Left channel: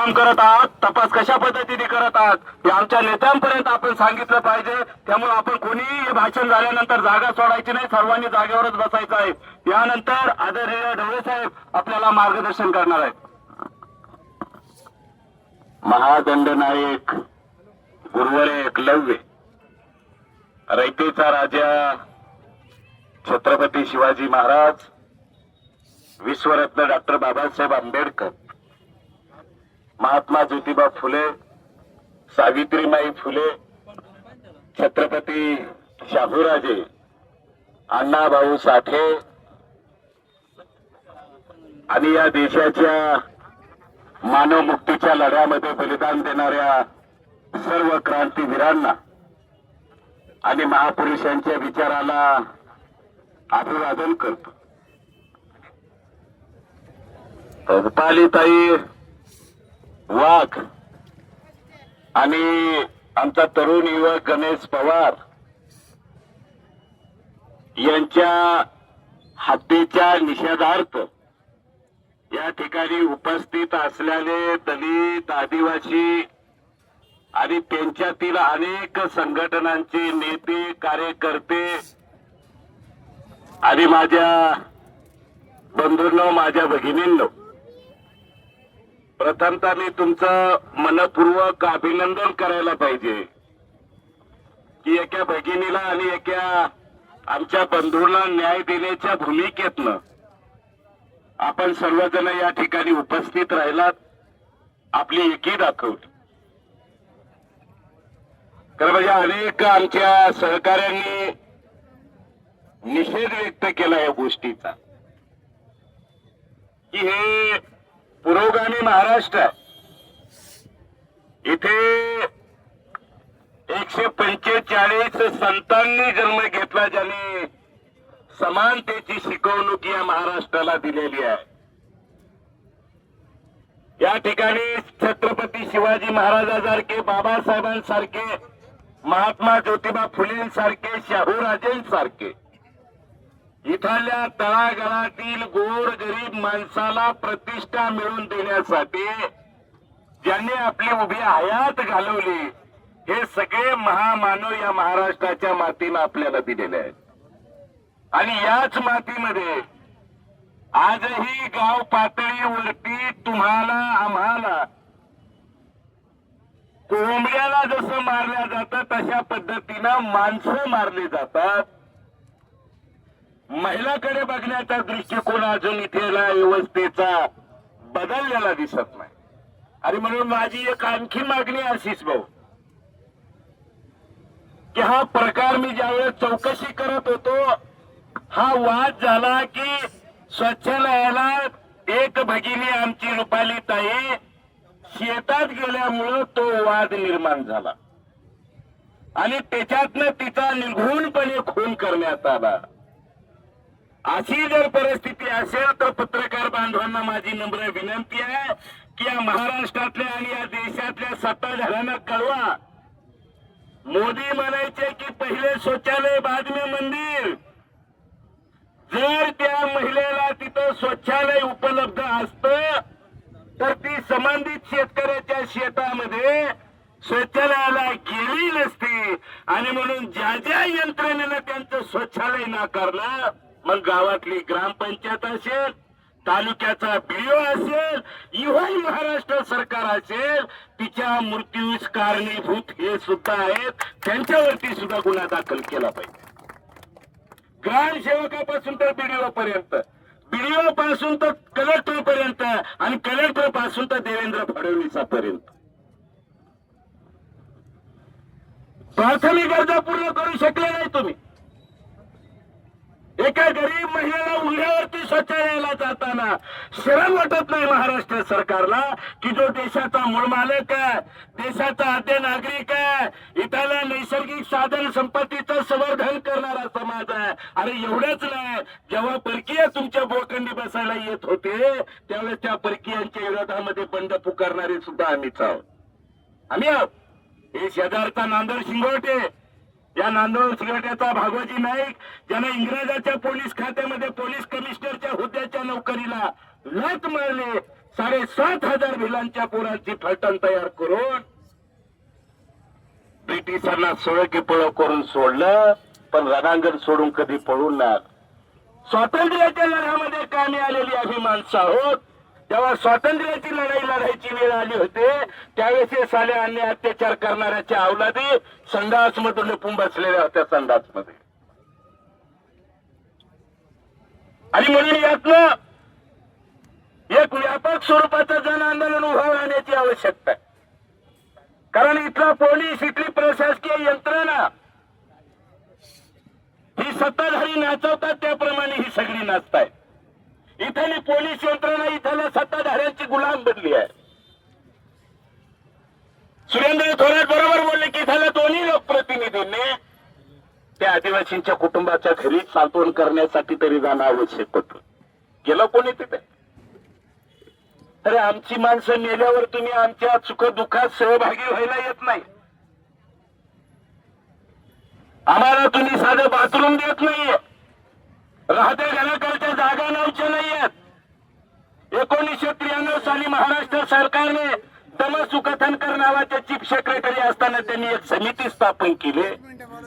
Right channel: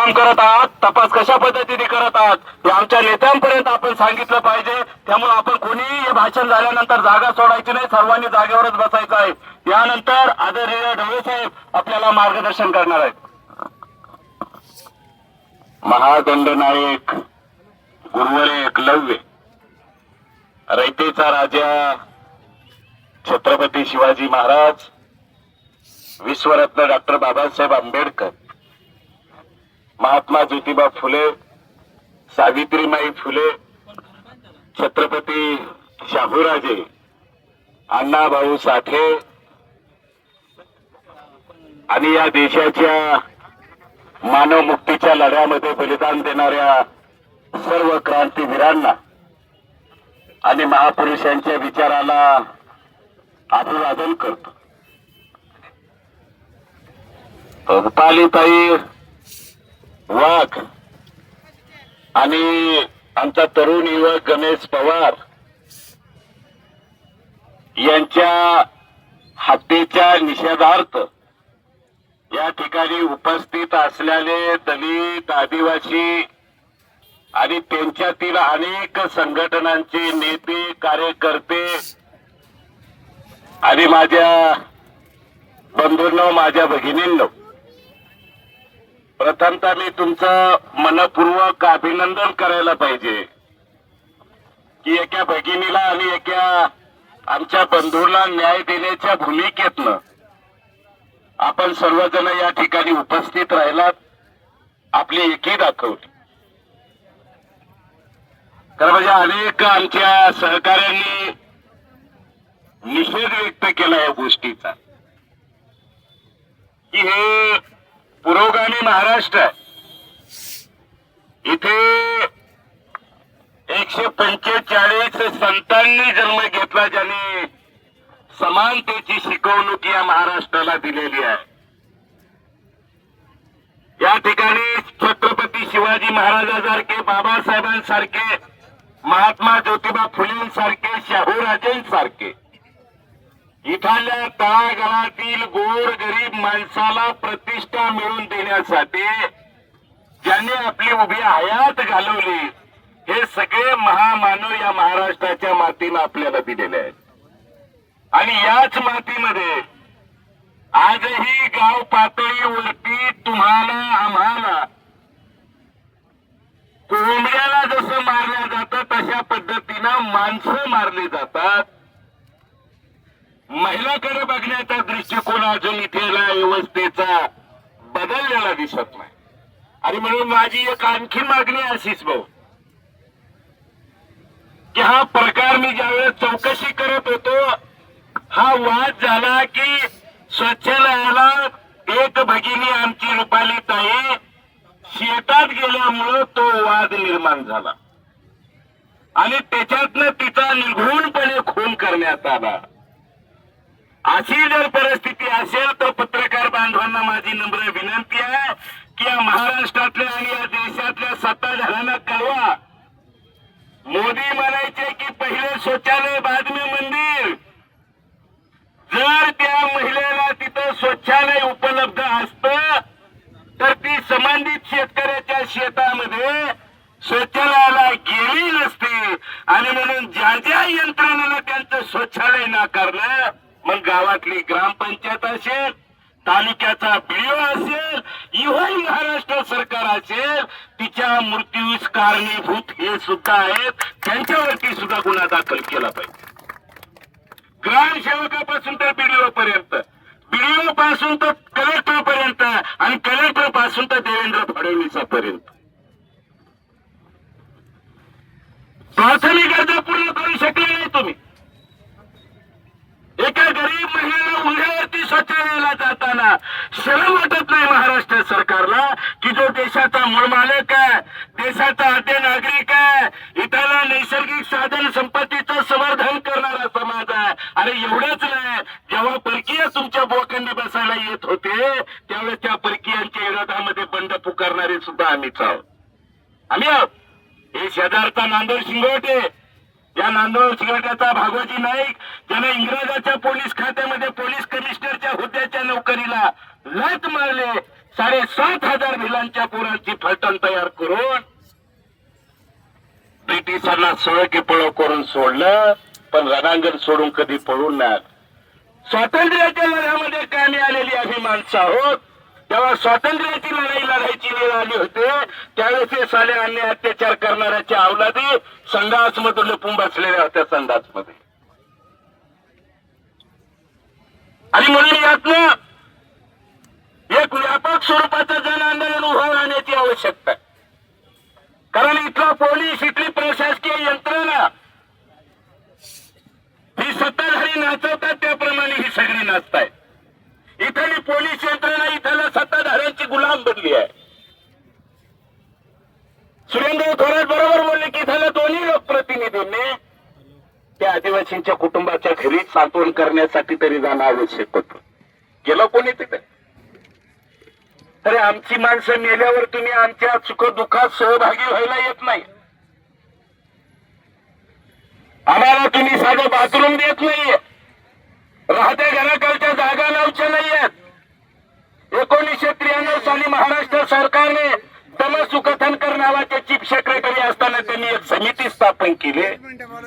काम करत आहात तपास कशा पद्धतीने करत आहात हे आमच्या नेत्यांपर्यंत आपण सांगितलं पाहिजे. त्यामुळे आपण कोणीही हे भाषण झाल्यानंतर जागा सोडायची नाही सर्वांनी जागेवरच बसायचं आहे. यानंतर आदरणीय ढवळे साहेब आपल्याला मार्गदर्शन करणार आहेत. महादंडनायक गुरुवरे एकलव्य रयतेचा राजा छत्रपती शिवाजी महाराज विश्वरत्न डॉक्टर बाबासाहेब आंबेडकर. महात्मा ज्योतिबा फुले सावित्रीमाई फुले छत्रपती शाहूराजे अण्णाभाऊ साठे आणि या देशाच्या मानव मुक्तीच्या लढ्यामध्ये बलिदान देणाऱ्या सर्व क्रांतीवीरांना आणि महापुरुषांच्या विचाराला अभिवादन करतो. रुपालीताई वाघ. आणि आमचा तरुण युवक गणेश पवार यांच्या हत्येच्या निषेधार्थ या ठिकाणी उपस्थित असलेले दलित आदिवासी आणि त्यांच्यातील अनेक संघटनांचे नेते कार्यकर्ते आणि माझ्या बंधूंनो माझ्या भगिनींनो प्रथमतः मी तुमचं मनपूर्वक अभिनंदन करायला पाहिजे. की एका भगिनीला आणि एका आमच्या बंधूला न्याय देण्याच्या भूमिकेतनं आपण सर्वजण या ठिकाणी उपस्थित राहिलात आपली एकी दाखवली तर म्हणजे अनेक आमच्या सहकाऱ्यांनी निषेध व्यक्त केला या गोष्टीचा. की हे पुरोगामी महाराष्ट्र. इथे एकशे पंचेचाळीस संतांनी जन्म घेतला ज्याने समानतेची शिकवणूक या महाराष्ट्राला दिलेली आहे. या ठिकाणी छत्रपती शिवाजी महाराजांसारखे बाबासाहेबांसारखे महात्मा ज्योतिबा फुलेंसारखे शाहूराजेंसारखे इथल्या तळागाळातील गोर गरीब माणसाला प्रतिष्ठा मिळवून देण्यासाठी ज्यांनी आपली उभी हयात घालवली हे सगळे महामानव या महाराष्ट्राच्या मातीनं आपल्याला दिलेले आहेत. आणि याच मातीमध्ये आजही गाव पातळीवरती तुम्हाला आम्हाला कोंबड्याला जसं मारल्या जातं तशा पद्धतीनं माणसं मारली जातात. महिलाकडे बघण्याचा दृष्टिकोन अजून इथेला व्यवस्थेचा बदललेला दिसत नाही. आणि म्हणून माझी एक आणखी मागणी अशीच भाऊ की हा प्रकार मी ज्यावेळेस चौकशी करत होतो हा वाद झाला की स्वच्छालयाला एक भगिनी आमची रुपाली ताई शेतात गेल्यामुळं तो वाद निर्माण झाला. आणि त्याच्यातनं तिचा निर्घुणपणे खून करण्यात आला. अशी जर परिस्थिती असेल तर पत्रकार बांधवांना माझी नम्र विनंती आहे की या महाराष्ट्रातल्या आणि या देशातल्या सत्ताधाऱ्यांना कळवा. मोदी म्हणायचे की पहिले शौचालय बाजमी मंदिर. जर त्या महिलेला तिथं शौचालय उपलब्ध असतं तर ती संबंधित शेतकऱ्याच्या शेतामध्ये शौचालयाला गेली नसती. आणि म्हणून ज्या ज्या यंत्रणेनं त्यांचं शौचालय नाकारलं मग गावातली ग्रामपंचायत असेल तालुक्याचा बीओ असेल इव्हन महाराष्ट्र सरकार असेल तिच्या मृत्यूस कारणीभूत हे सुद्धा आहेत. त्यांच्यावरती सुद्धा गुन्हा दाखल केला पाहिजे. ग्रामसेवकापासून तर बीडीओ पर्यंत. बीडीओ पासून तर कलेक्टर पर्यंत आणि कलेक्टरपासून तर देवेंद्र फडणवीसापर्यंत प्राथमिक गरजा पूर्ण करू शकले नाही तुम्ही. एका गरीब महिलेला उघड्यावरती शौचालयाला जाताना शरम वाटत नाही महाराष्ट्र सरकारला की जो देशाचा मूळ मालक आहे देशाचा आद्य नागरिक आहे इथला नैसर्गिक साधन संपत्तीचं संवर्धन करणारा समाज आहे. अरे एवढंच नाही जेव्हा परकीय तुमच्या बोखंडी बसायला येत होते त्यावेळेस त्या परकीयांच्या विरोधामध्ये बंड पुकारणारे सुद्धा आम्हीच आहोत. आम्ही आहोत. हे शेजारचा नांदर शिंगोटे या नांदोर शिंगोट्याचा भागवजी नाईक ज्याने इंग्रजाच्या पोलीस खात्यामध्ये पोलीस कमिशनरच्या हुद्द्याच्या नोकरीला लत मारले साडेसात हजार भिलांच्या पोरांची फलटण तयार करून ब्रिटिशांना सोळ की पळव करून सोडलं पण रणांगण सोडून कधी पळून नाही स्वातंत्र्याच्या लढ्यामध्ये कामी आलेली आम्ही माणसं आहोत. तेव्हा स्वातंत्र्याची लढाई लढायची वेळ आली होते त्यावेळेस हे साले अन्य अत्याचार करणाऱ्याच्या अवलादी संघासमध्ये लपून बसलेल्या होत्या संघासमध्ये आणि म्हणून यातनं एक व्यापक स्वरूपाचं जन आंदोलन उभं राहण्याची आवश्यकता आहे. कारण इथला पोलीस इथली प्रशासकीय यंत्रणा ही सत्ताधारी नाचवतात त्याप्रमाणे ही सगळी नाचताय इथली पोलीस यंत्रणा इथल्या सत्ताधाऱ्यांची गुलाम बनली आहे. सुरेंद्र थोरात बरोबर बोलले की इथल्या दोन्ही लोकप्रतिनिधींनी त्या आदिवासींच्या कुटुंबाच्या घरी सांत्वन करण्यासाठी तरी जाणं आवश्यक होतं. गेलं कोणी तिथे? अरे आमची माणसं मेल्यावर तुम्ही आमच्या सुख दुःखात सहभागी व्हायला येत नाही. आम्हाला तुम्ही साधं बाथरूम देत नाहीये. राहत्या घराकडच्या जागा लावच्या नाहीयेत. एकोणीसशे त्र्याण्णव साली महाराष्ट्र सरकारने तमसुकथनकर नावाचे चीफ सेक्रेटरी असताना त्यांनी एक समिती स्थापन केली.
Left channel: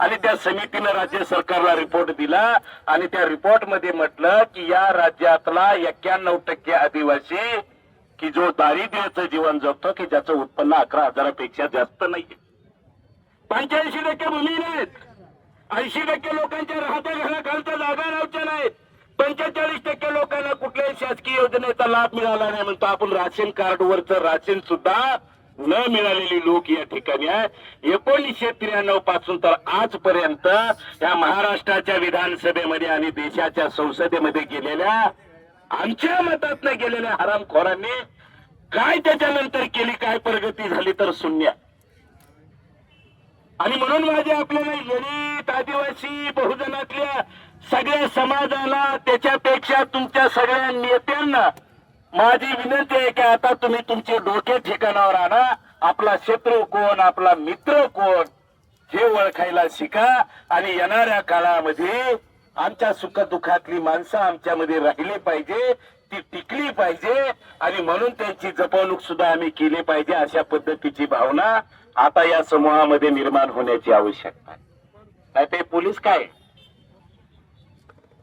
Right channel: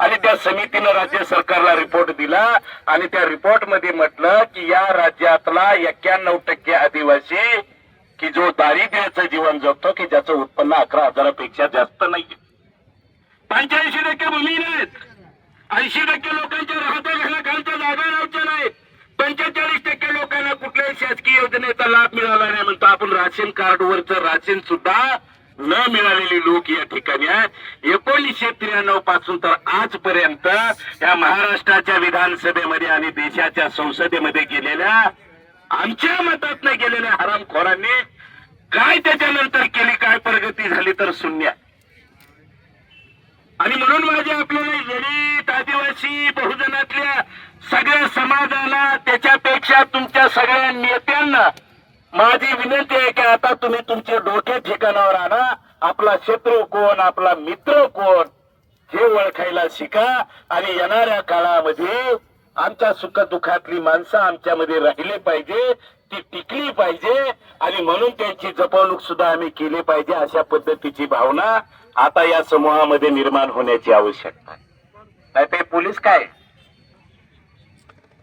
आणि त्या समितीनं राज्य सरकारला रिपोर्ट दिला. आणि त्या रिपोर्टमध्ये म्हटलं की या राज्यातला एक्क्याण्णव टक्के आदिवासी की जो दारिद्र्याचं जीवन जगतो की ज्याचं उत्पन्न अकरा हजारापेक्षा जास्त नाहीये. पंच्याऐंशी टक्के भूमी नाहीत. ऐंशी टक्के लोकांच्या राहत्या घराखालच्या जागा लावच्या नाही. पंचेचाळीस टक्के लोकांना कुठल्याही शासकीय योजनेचा लाभ मिळाला नाही म्हणतो. आपण राशन कार्डवरचं राशन सुद्धा न मिळालेली लोक या ठिकाणी आहे. एकोणीसशे त्र्याण्णवपासून तर आजपर्यंत या महाराष्ट्राच्या विधानसभेमध्ये आणि देशाच्या संसदेमध्ये गेलेल्या आमच्या मतातनं गेलेल्या हरामखोरांनी काय त्याच्यानंतर केली काय प्रगती झाली तर शून्य आणि म्हणून माझे आपल्याला दलित आदिवासी बहुजनातल्या सगळ्या समाजाला त्याच्यापेक्षा तुमच्या सगळ्या नेत्यांना माझी विनंती आहे की आता तुम्ही तुमचे डोके ठिकाणावर आणा. आपला शत्रू कोण आपला मित्र कोण हे ओळखायला शिका. आणि येणाऱ्या काळामध्ये आमच्या सुखदुःखातली माणसं आमच्यामध्ये राहिले पाहिजे ती टिकली पाहिजे आणि म्हणून त्यांची जपवणूक सुद्धा आम्ही केली पाहिजे अशा पद्धतीची भावना आता या समूहामध्ये निर्माण होण्याची आवश्यकता नाही ते पोलीस काय?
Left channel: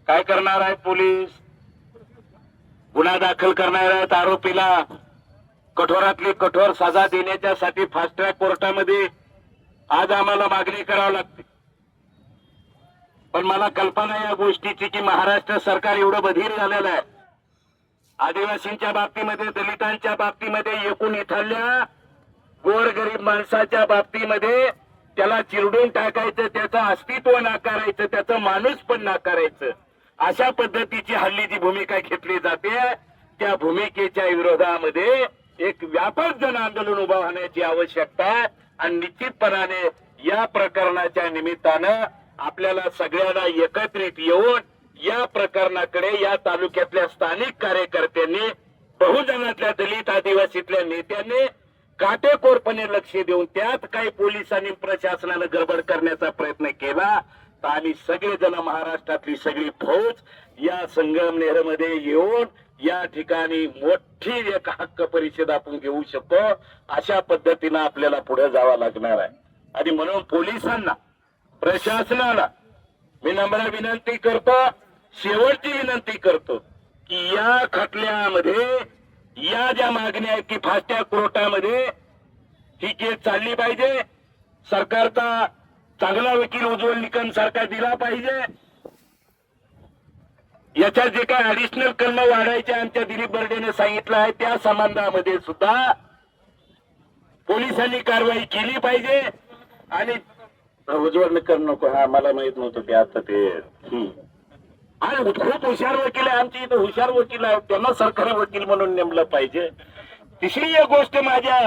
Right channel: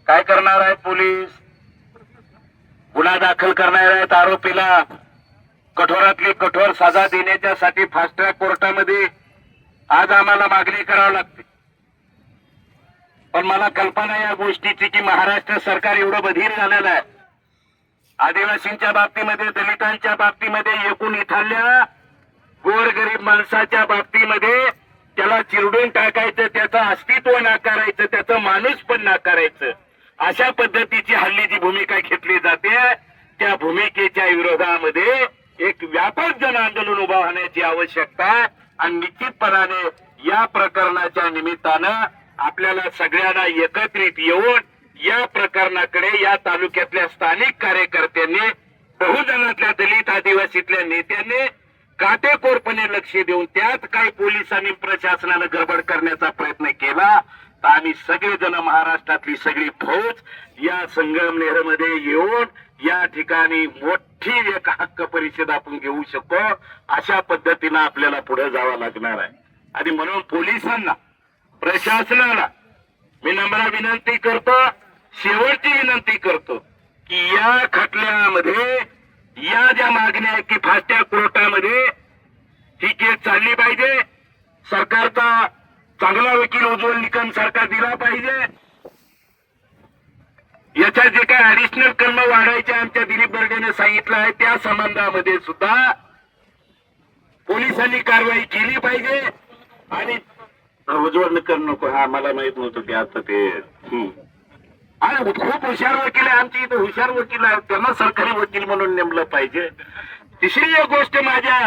काय करणार आहे पोलीस? गुन्हा दाखल करणार आहेत आरोपीला. कठोरातली कठोर सजा देण्याच्यासाठी फास्ट ट्रॅक कोर्टामध्ये आज आम्हाला मागणी करावी लागते. पण मला कल्पना या गोष्टीची की महाराष्ट्र सरकार एवढं बधीर झालेलं आहे. आदिवासींच्या बाबतीमध्ये दलितांच्या बाबतीमध्ये एकूण इथल्या गोरगरीब माणसाच्या बाबतीमध्ये त्याला चिरडून टाकायचं त्याचं अस्तित्व नाकारायचं त्याचं माणूस पण नाकारायचं. अशा पद्धतीची हल्ली जी भूमिका घेतली जाते त्या भूमिकेच्या विरोधामध्ये एक व्यापक जन आंदोलन उभा होण्याची आवश्यकता आणि निश्चितपणाने या प्रकरणाच्या निमित्तानं आपल्याला सगळ्यांना एकत्रित येऊन या प्रकरणाकडे या तालुक्यातल्या स्थानिक कार्यकर्त्यांनी बहुजनातल्या दलित आदिवासीतल्या नेत्यांनी काटेकोरपणे लक्ष देऊन त्यात काही पोलिसांनी प्रशासनानं गडबड करण्याचा प्रयत्न केला तर आम्ही सगळेजण महाराष्ट्रातली सगळी फौज या संगमनेरमध्ये येऊन या ठिकाणी मोठी एक हक्क परिषद आपण घेऊ शकतो अशा पद्धतीनं आपल्याला पुढे जावं लागणार आहे. आणि म्हणून पोलिसांना प्रशासनाला मी नम्र विनंती करतो शेवटची विनंती करतो की या खटल्यामध्ये या ज्या मागण्या आहेत की फास्ट्या कोर्टामध्ये ही केस चालली पाहिजे. सरकारचा चांगला वकील उज्ज्वल निकम सरकार दिला पाहिजे. याच्या जे काही ऍडिशनल कर्म वाढायचे आमच्या दिलीप बर्डेने सांगितलं आहे त्या संबंधामध्ये सुद्धा पोलिसांनी कारवाई केली पाहिजे. आणि उज्ज्वल कर नको. हा मला माहीत नव्हतं की आता ते आणि खूप हुशार वकील आहे. आमची इथं हुशार वकील आहेत. त्यांना सरकारी वकील म्हणून नेमलं पाहिजे. तिसरी एक गोष्ट माझ्या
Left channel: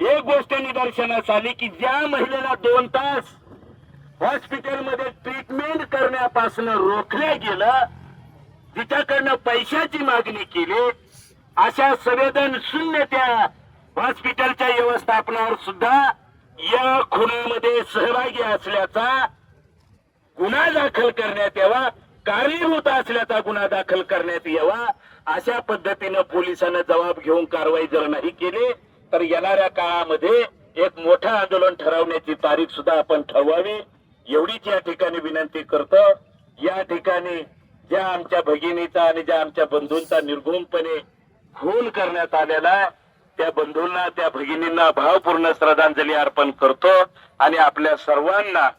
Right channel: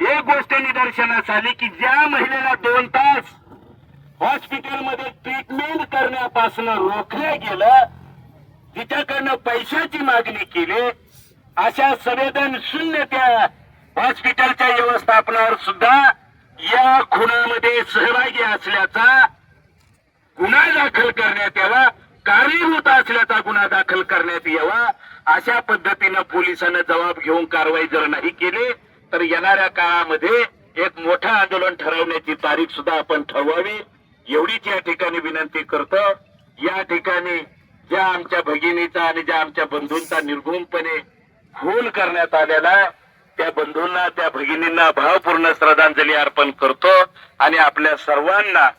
एक गोष्ट निदर्शनास आली की ज्या महिलेला दोन तास हॉस्पिटलमध्ये ट्रीटमेंट करण्यापासून रोखलं गेलं तिच्याकडनं पैशाची मागणी केली अशा संवेदन शून्य त्या हॉस्पिटलच्या व्यवस्थापनावर सुद्धा या खुनामध्ये सहभागी असल्याचा गुन्हा दाखल करण्यात यावा कारणीभूत असल्याचा गुन्हा दाखल करण्यात यावा अशा पद्धतीनं पोलिसांना जबाब घेऊन कारवाई जर नाही केली तर येणाऱ्या काळामध्ये एक मोठं आंदोलन ठरवण्याची तारीख सुद्धा आपण ठरवावी. एवढीच या ठिकाणी विनंती करतो. या ठिकाणी ज्या आमच्या भगिनीचा आणि ज्या आमच्या बंधूंचा निर्गुणपणे खून करण्यात आलेला आहे त्या बंधूंना त्या भगिनींना भावपूर्ण श्रद्धांजली अर्पण करतो आणि आपल्या सर्वांना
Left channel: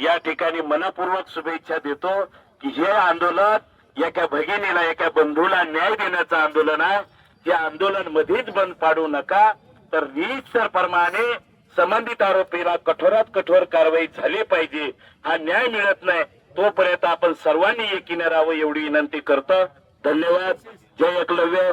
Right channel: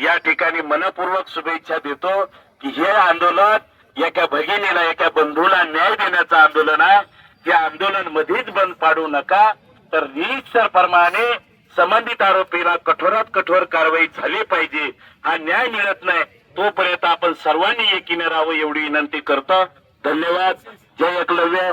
या ठिकाणी मनपूर्वक शुभेच्छा देतो की हे आंदोलन एका भगिनीला एका बंधूला न्याय देण्याचं आंदोलन आहे. हे आंदोलन मध्येच बंद पाडू नका. तर रीतसर प्रमाणे संबंधित आरोपीला कठोरात कठोर कारवाई झाली पाहिजे. हा न्याय मिळत नाही तोपर्यंत आपण सर्वांनी एकीने राहावं एवढी विनंती करतो. धन्यवाद. जय एकलव्य.